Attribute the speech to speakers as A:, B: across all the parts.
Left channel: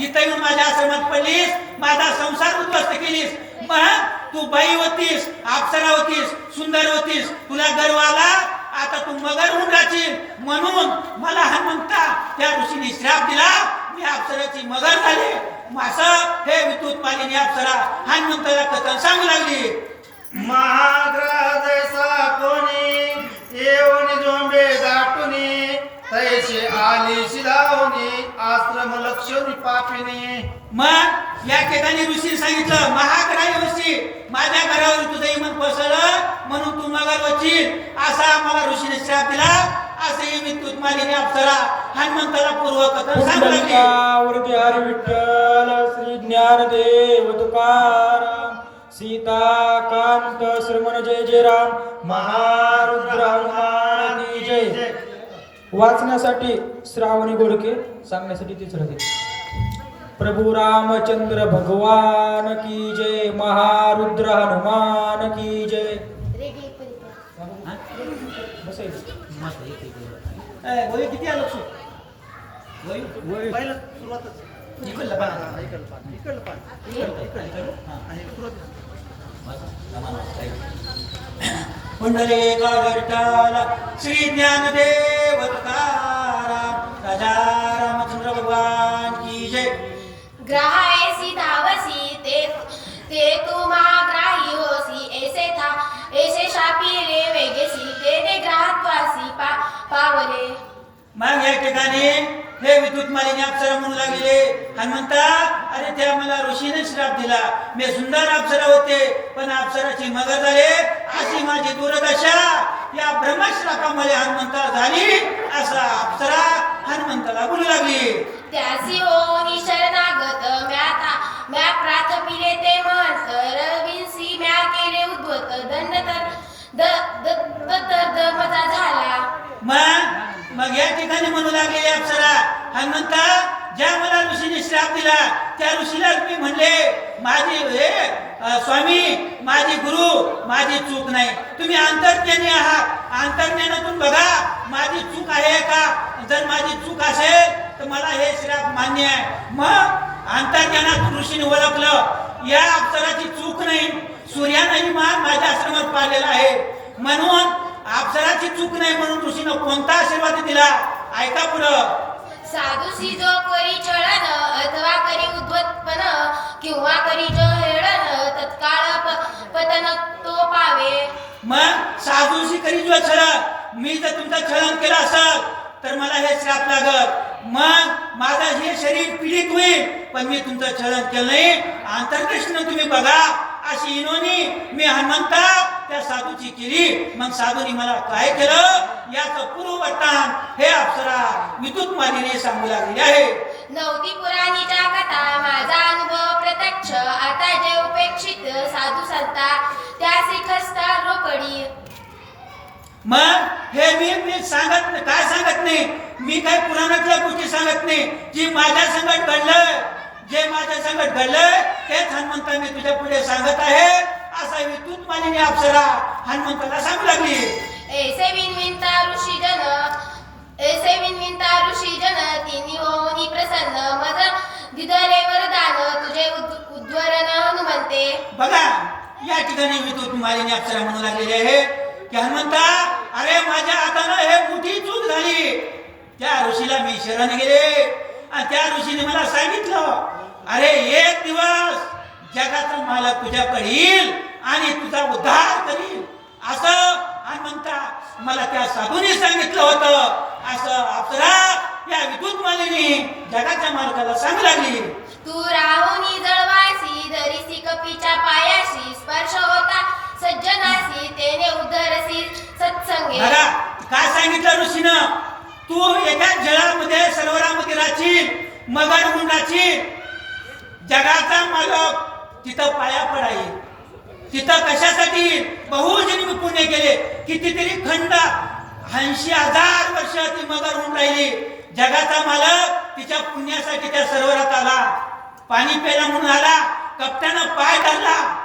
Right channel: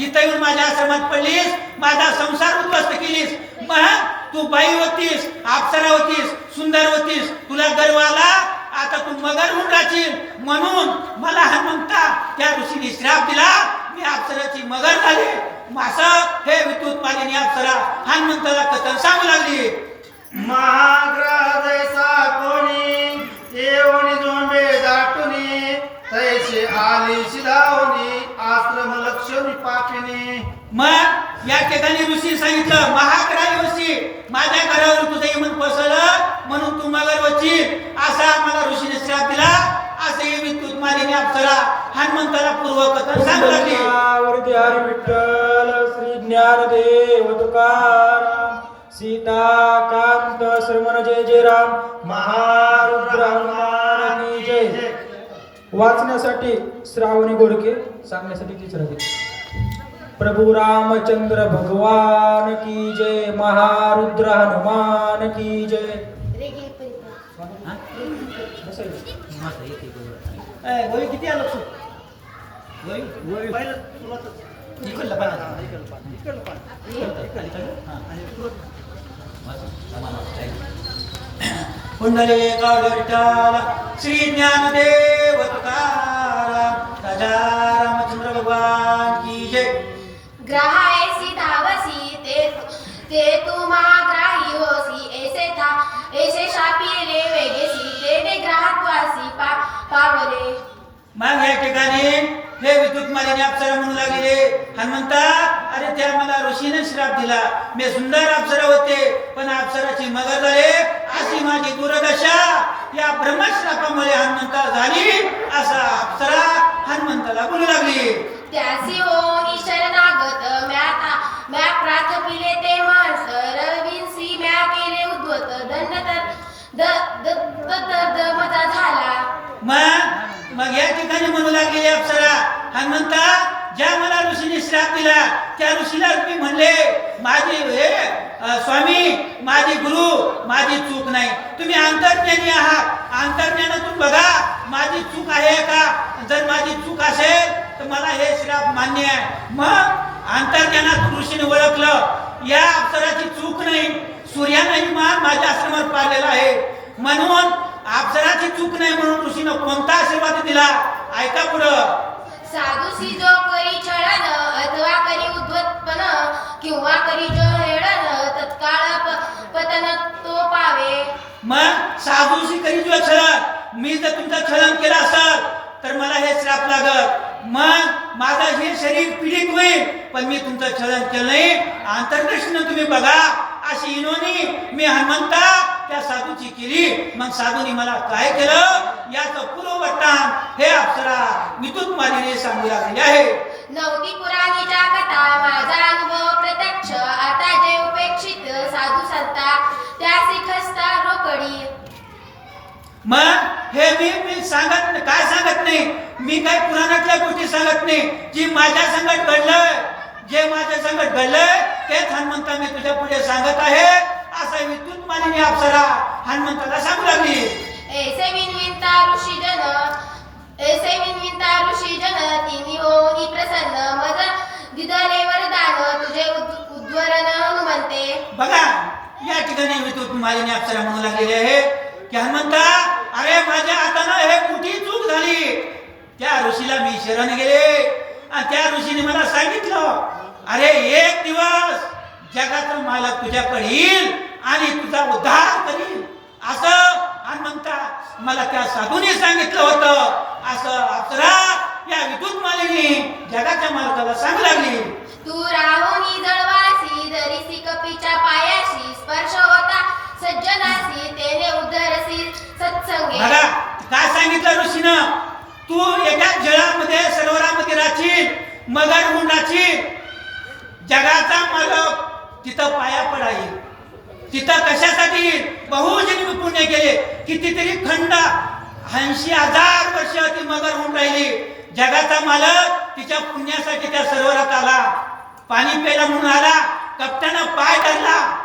A: इथं येऊन माझ्या आश्रमात पडलीस माझा संसार उद्ध्वस्त केलीस. मग तू बाई होतीस अप्सरा होतीस सुंदर होतीस. तुला गर्व आला? आता तू मगर होऊन राहशील. म्हणून मला हनुमंता त्या ऋषीने श्राप दिला. मी अप्सराची मगर झाली. मासा हे विद्युत मालिनी अप्सरा हनुमंताला कथन सांगू लागली.
B: महाग्रहसा कोणी येऊन झोंबे दाटुनी तैसे आली
A: मग या ठिकाणी ऋषी सांगितलं महाग्राही वशी माझ्या घरावर तुझं इमन कोसळलं म्हणून तू मगर वची असा मला ऋषीने श्राप दिला. असे विद्युत मालिनी अप्सरा हनुमंताला पूर्व कथन सांगू लागली.
C: वरती हरी विठ्ठल श्री ज्ञानदेव तुकाराम सीताकांत श्रमण जय जय राम महारुद्र हनुमान की जय. वाचण्यासाठी श्रावणी गोडके सांगण्यासाठी राहते प्रभू रामचंद्र भगवान की जय महारुद्र हनुमान की जय।
A: किती आलं सु वही इकडलं पाना पुंडले विठ्ठल श्री ज्ञानदेव तुकाराम राजा रामचंद्र भगवान की जय।
D: ग्रहायसी धावसी ते ते तू महाग्राही होसी ऐसे था ऐसे शापी रे वेगेसी ते ते ग्रहात्वासी पा पावले
A: मग या ठिकाणी हे विद्युत मालिनी अप्सरा म्हणू लागले. हनुमंता अरे त्या मला ऋषीने श्राप दिला. मी सुंदर अप्सरा होते पण अप्सराची मगर झाले. अशी माझी दुर्दशा या ब्रह्मश्रापामुळे. हनुमंता झाली असा अप्सरा. हनुमंताला बोलू लागली.
D: त्यासी ओनी शरणागत म्या म्या प्राथपिले ते मन सरविंसी म्या केले उद्वत दंड तर द द द द द मजा झाला.
A: मग मग या ठिकाणी म्हणू लागले अप्सरा हनुमंता ज्या मला ऋषीने श्राप दिला त्या ऋषीला मी म्हणले माझी हे स्वामी माझी गुरु माझी चूक नाही. तुम्ही अंतर्ज्ञानी आहात. अंतर्ज्ञानातून बघा माझी चूक आहे का? जर माझी चूक असेल तर मला हे श्राप मान्य आहे. मग अंतर्ज्ञानात ऋषीने ओळखलं या अप्सराची चूक नाही. सूर्यानंही मान माझ्या आश्रमात पाहिलेला आहे. म्हणून अप्सराची चूक नाही म्हणून ऋषीनं कोणता आशीर्वाद दिला? ऐका पुढं.
D: साधूसी जो करी छळन अथवा करी उद्वत्पन किंवा करी जो हेळन तत्काळ प- पतन तो पावे
A: मग साधूशी करी जो छळण मी जर तुमचं छळण केला असेल तर मला हे श्राप लागत मग माझं हे शरीर पीडित होईल पण मी तुमचं छळण केलं नाही. आंतरदृष्टीनं तुम्ही बघा अशी इनोनी मी हनुमंता त्या साधूची केली. मग साधूनी मला काय केलं? याचं पूर्ववर्तान हे अप्सरा विद्युत मालिने सांगू लागली आहे.
D: नवती पुराणीच्या कथा माझा अनुभव प्रत्यक्ष. आता जे उपेक्षित साधू संता त्या शिखस्त
A: मग हे मी मी सांगत नाही. काय सांगत नाही? मी काही पुराणातल्या गोष्टी सांगत नाही. जी माझ्या संकट घडलं जे माझ्या संकट घडलं तेच हनुमंता मी तुझ्या पुढे सांगत आहे. असा विद्युत मालिनी अप्सरा हनुमंताला सांगू लागली.
D: ऐसे विनविनता ऋषी जन ऐसे विनविनता ऋषी जन तिन्ही होनी प्रसन्न. मज दिदरे वरदान तुझे उद- उद्वरण हनुमंते.
A: बघा या ठिकाणी विद्युत मालिनी अप्सरा म्हणू लागलेली आहे की हनुमंता अरे माझ्या हातानं हे मोठी चूक झाली? त्या ऋषीला मी शरण गेले. आणि त्या ऋषीने मला सांगितलं अरे एक दिवस जगाचा मालक तुझ्या पडील आणि तुझा उद्धार करील. असं हनुमंता मला त्या साधूने सांगितलं होतं. असं अप्सरा या विद्युत मालिनी जगाच्या मालकाला सांगू लागली.
D: तू राहुनी
A: दादा काय सांगितलं ऋषीनं? तू एका जळामध्ये सरोवरामध्ये राहशील मगर होऊन राहशील. जगाचा मालक तिथं पाया पडाईल. तिथं कशासाठी? बहुजन्मी पुणे केले कितीतरी खंड ऐंशी हजार वर्ष ती मगर होऊन राहिली. जगाचा मालक तिच्या पुण्यासाठी त्या सरोवरात आला. पाणी प्यायला म्हणून आला. कप्तानं पाय धरला.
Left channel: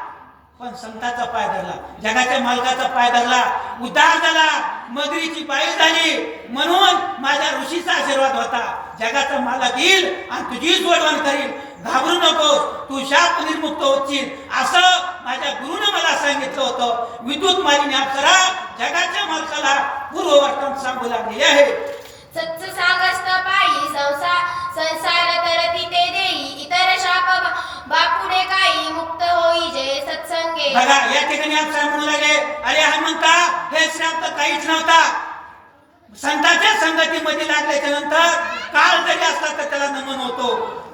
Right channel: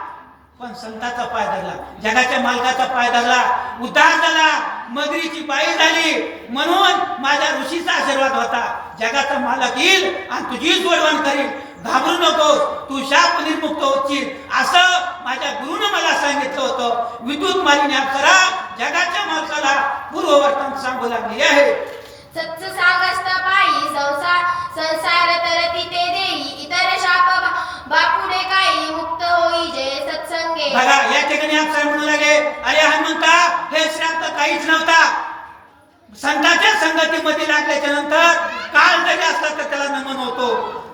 A: पण संताचा पाय धरला. जगाच्या मालकाचा पाय धरला. उद्धार झाला. मगरीची बाई झाली. म्हणून माझ्या ऋषीचा आशीर्वाद होता. जगाचा मालक येईल आणि तुझी सोडवण करील घाबरू नको तू शाप निर्मुक्त होतील असं माझ्या गुरुनं मला सांगितलं होतं. विद्युत मालिनी करा. जगाच्या मालकाला पूर्ववर्तन सांगू लागले आहे.
D: सच्च सांगस्त पायी संसार संसार तर तिथे देई. इतर शाप बा- का सत्संगे
A: बघा या ठिकाणी अप्सरा म्हणू लागले अरे हनुमंता हे श्राप काहीच नव्हता. संतांच्या संगतीमध्ये लागल्याच्या नंतर काल जरी असला तर त्याला नमन होतो.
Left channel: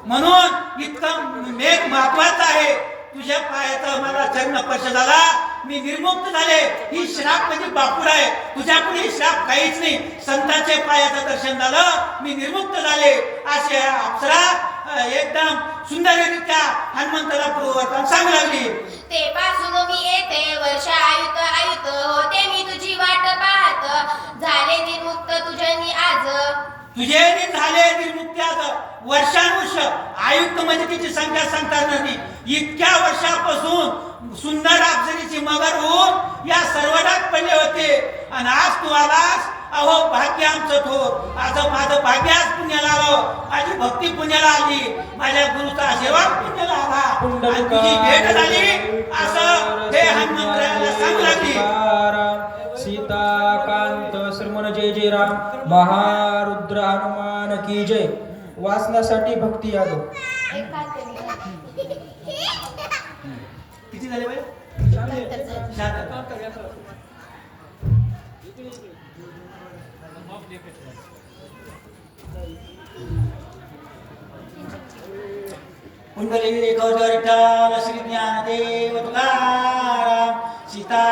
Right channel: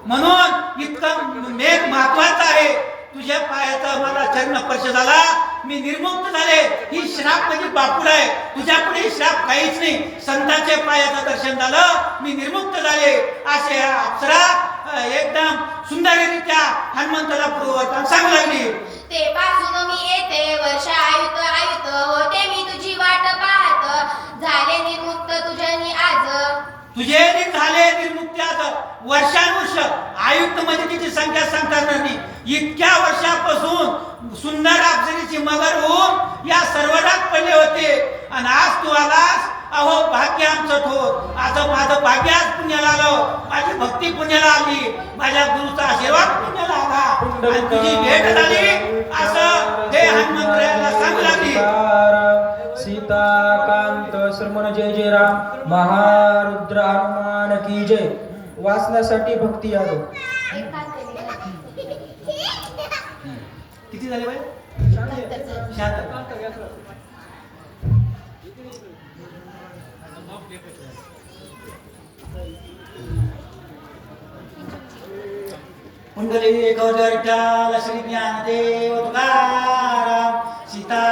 A: म्हणून इतकं मेघ महत्वाचं आहे. तुझ्या पायाचा मला चरण स्पर्श झाला. मी निर्मुक्त झाले. ही श्राप म्हणजे बापूड आहे. तुझ्या श्राप काहीच नाही. संतांच्या पायाचं दर्शन झालं. मी निर्मुक्त झाले. असे अप्सरा एकदम सुंदररित्या हनुमंताला पूर्ववर्तन सांगू लागली.
D: ते पासून मी येते वर्ष आयुत आयुत होते मी तुझी वाट पाहत. झाले निर्मुक्त तुझ्यानी आज.
A: तुझे झाले निर्मुक्ती आता वर्षानुवर्ष आयुक्त म्हणजे तिची संख्या सांगता नाही. इतक्या वर्षापासून सुंदर अप्सरीची मगर होऊन या सर्वडात पडले होते. आणि आज तू आलास अहो भाग्य आमचं थोर आता माझं भाग्य आज पुण्याला माझी भक्ती पुण्याला आली. माझ्या गुरुचा आशीर्वाद पुण्याला आला. आणि तुझी भेट झाली. असं हे हनुमंतराला सांगू लागली.
C: सीताकांत श्रमण जय जय राम महारुद्र हनुमान की जय. वाचण्यासाठी भक्ती यादव.
D: तरी.
A: किती झाले बाई? शहात्तर. कुंडली गौरी श्री ज्ञानदेव तुकाराम सीता